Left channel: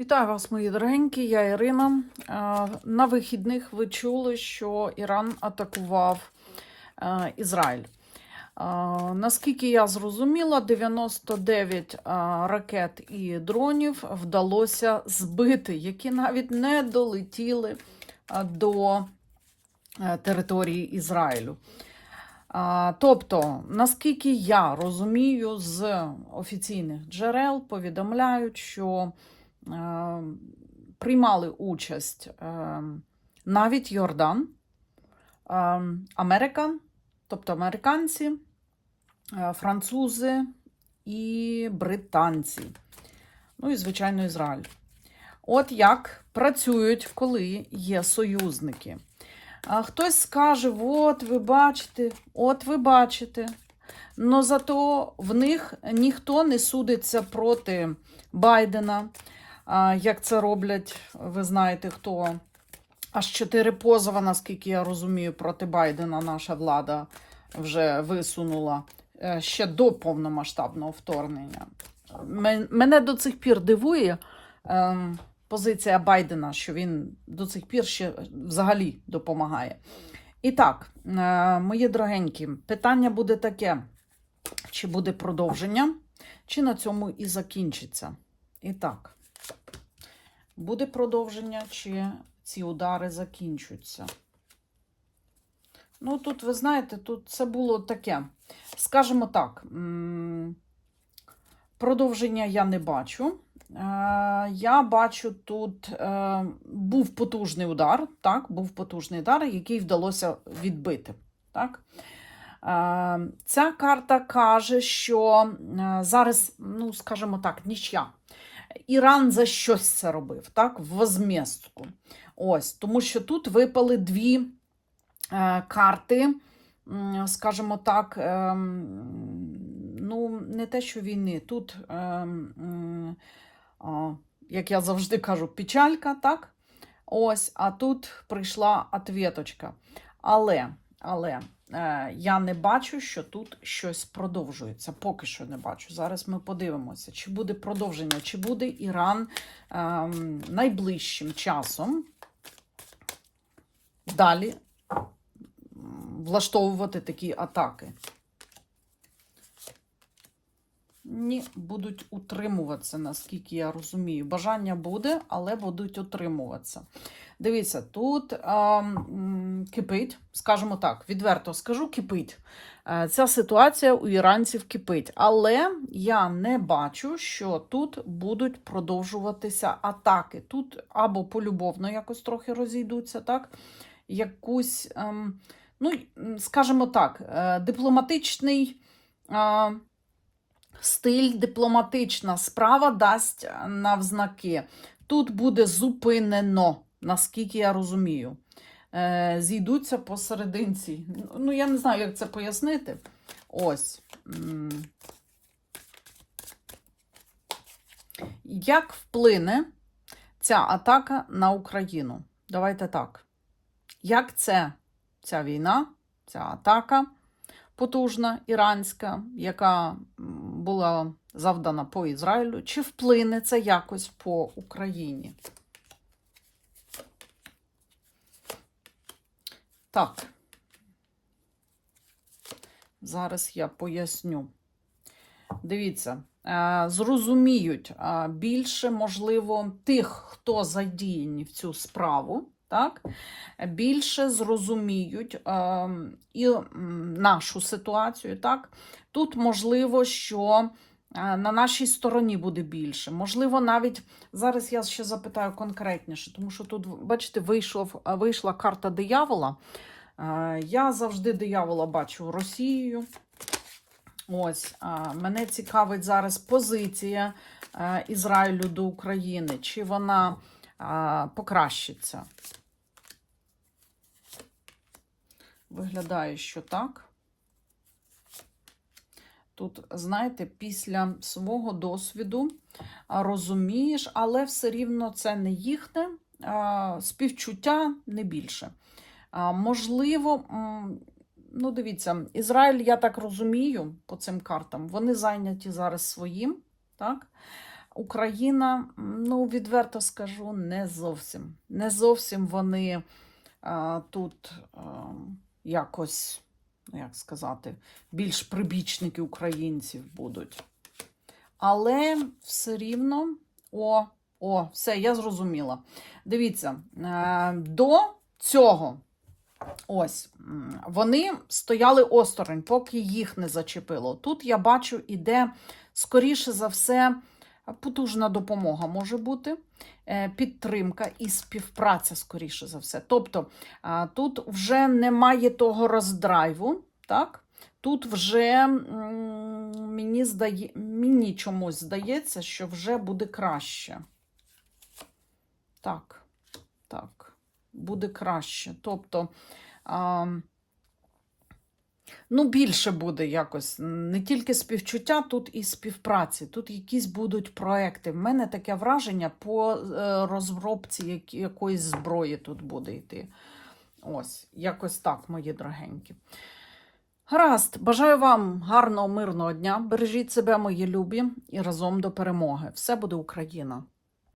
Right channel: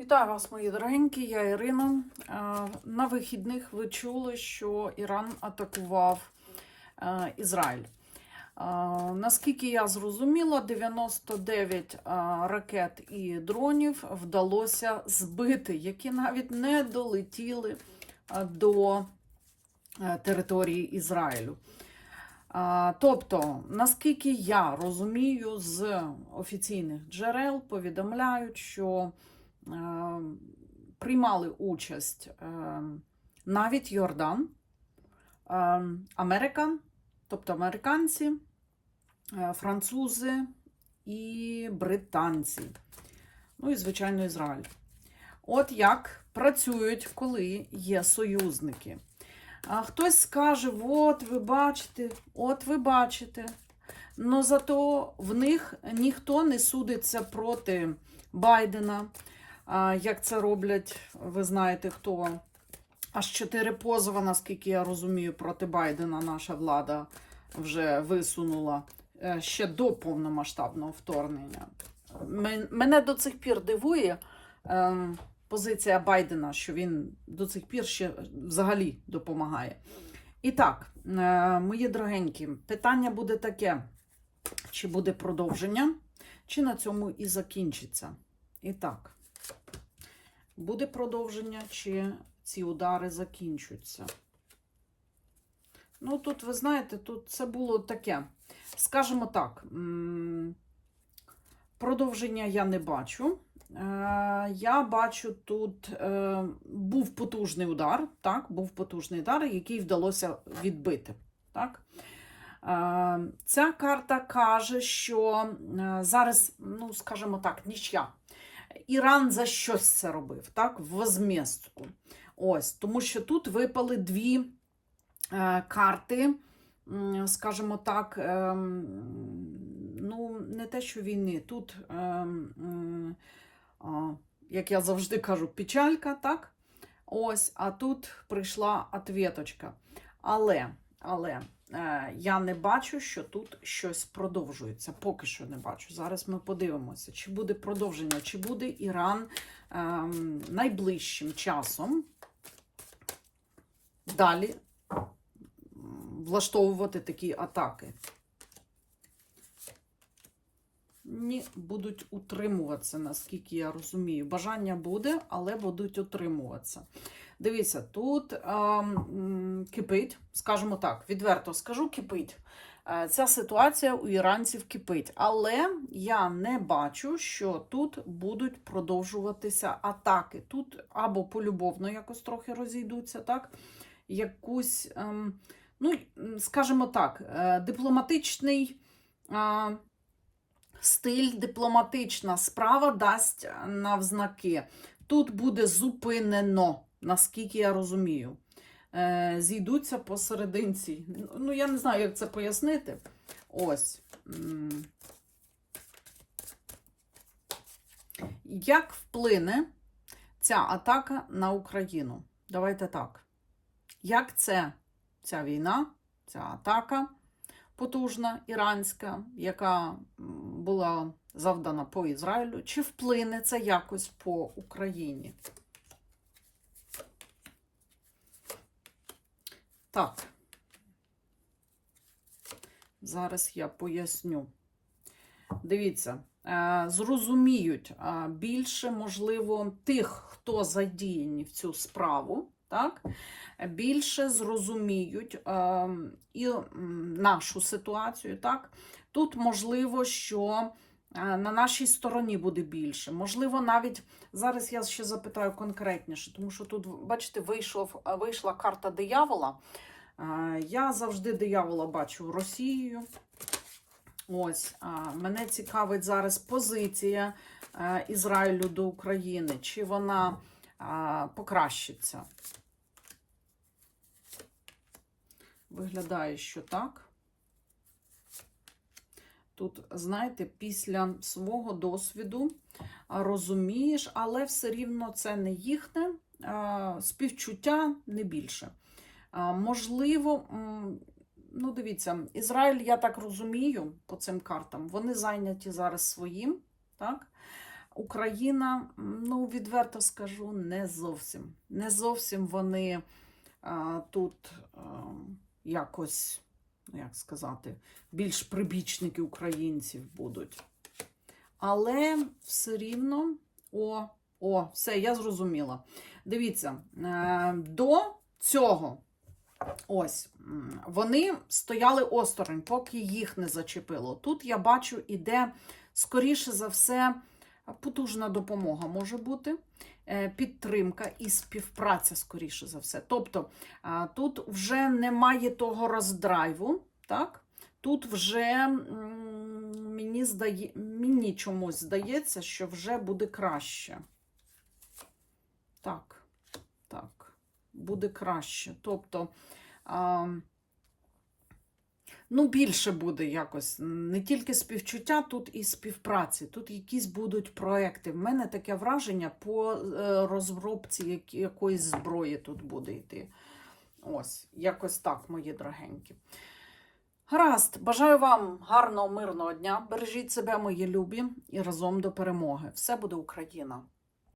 Вітаю вас, мої дорогенькі, я Ірина. Е, На вихідних ви чули, що Іран атакував е, Ізраїль. Е, Наскільки я зрозуміла, 99 е, ракет і дронів вдалося збити, які навіть не долетіли до території Ізраїлю. Тобто, наскільки я розумію, з офіційних джерел повідомляють, що приймали участь е, навіть Йордан, е, Америка, тобто американці, е, французи і британці. Ну і, звичайно, Ізраїль. От як працюють, коли є союзники. Хтось скаже: от ви бачите, от ви бачите. Но зато в них ніхто не судиться проти Байдена. Як це роблять, ви знаєте хто. Аж чотири позови, наскільки я розумію, проти Байдена наша влада вже висунула е, ще до повномасштабного вторгнення. Мене до цих пір дивує ем, позиція Байдена, що він до цих пір ще взагалі допомагає. І так, е, мої дорогенькі, питання буде таке: чи буде продовження, чи на цьому і закінчиться. І так, буде продовження, чи ці удари закінчуються? Ну, тут, ви знаєте, тут це було таке, скажімо так, продовження я не бачу. Е, Я бачу, тут е, був потужний удар, так, був потужний удар, який вдалося відбити. Так? Е, Ця карта каже, що зараз, ну, скажімо так, нічия. Іран за щось це робив, так, в возмістку. Ось, тому що тут випали дві е, карти, скажімо так, ем, ну, не те, що війни, тут, м, а, як я завжди кажу, печалька, так? Ось, а тут прийшла ответочка. Але, але е, я не бачу, що тут щось продовжується. Поки що не бачу. Зараз ми подивимося, чи буде продовження, чи буде Іран е, найближчим часом далі влаштовувати такі атаки. Ні, будуть утримуватися, наскільки я розумію. Бажання буде, але будуть утримуватися. Дивіться, тут а, кипить, скажімо так, відверто скажу, кипить. Е, Ця ситуація у іранців кипить. Але я не бачу, що тут будуть продовжуватися атаки. Тут або полюбовно якось трохи розійдуться, так? Якусь, ем, ну, скажімо так, е, дипломатичний. Стиль дипломатична справа дасть навзнаки. Тут буде зупинено, наскільки я розумію. Е, зійдуться посерединці. Ну, я не знаю, як це пояснити. Ось. Як вплине ця атака на Україну? Давайте так. Як це ця війна, ця атака потужна іранська, яка була завдана по Ізраїлю, чи вплине це якось по Україні? Так. Зараз я поясню. Дивіться, е, зрозуміють е, більше, можливо, тих, хто задіяні в цю справу, так? більше зрозуміють е, і нашу ситуацію. Так? Тут можливо, що е, на нашій стороні буде більше. Можливо, навіть зараз я ще запитаю конкретніше, тому що тут, бачите, вийшов, вийшла карта диявола. Е, Я завжди диявола бачу Росією. Ось, мене цікавить зараз позиція е, Ізраїлю до України, чи вона покращиться. Виглядає, що так. Тут, знаєте, після свого досвіду розумієш, але все рівно це не їхне співчуття не більше. Можливо, ну дивіться, Ізраїль, я так розумію, по цим картам, вони зайняті зараз своїм, так? Україна, ну, відверто скажу, не зовсім. Не зовсім вони а, тут а, якось, як сказати, більш прибічники українців будуть. Але все рівно, о, о, все, я зрозуміла. Дивіться, е, до цього. Ось, вони стояли осторонь, поки їх не зачепило. Тут я бачу, іде, скоріше за все, потужна допомога може бути, е, підтримка і співпраця, скоріше за все. Тобто тут вже немає того роздрайву, так? Тут вже мені, здає, мені чомусь здається, що вже буде краще. Так, так, буде краще. Тобто, ну, більше буде якось не тільки співчуття, тут і співпраці. Тут якісь будуть проекти. В мене таке враження по е, розробці якоїсь зброї тут буде йти. Ось, якось так, мої дорогенькі. Гаразд, бажаю вам гарного, мирного дня. Бережіть себе, мої любі, і разом до перемоги. Все буде Україна!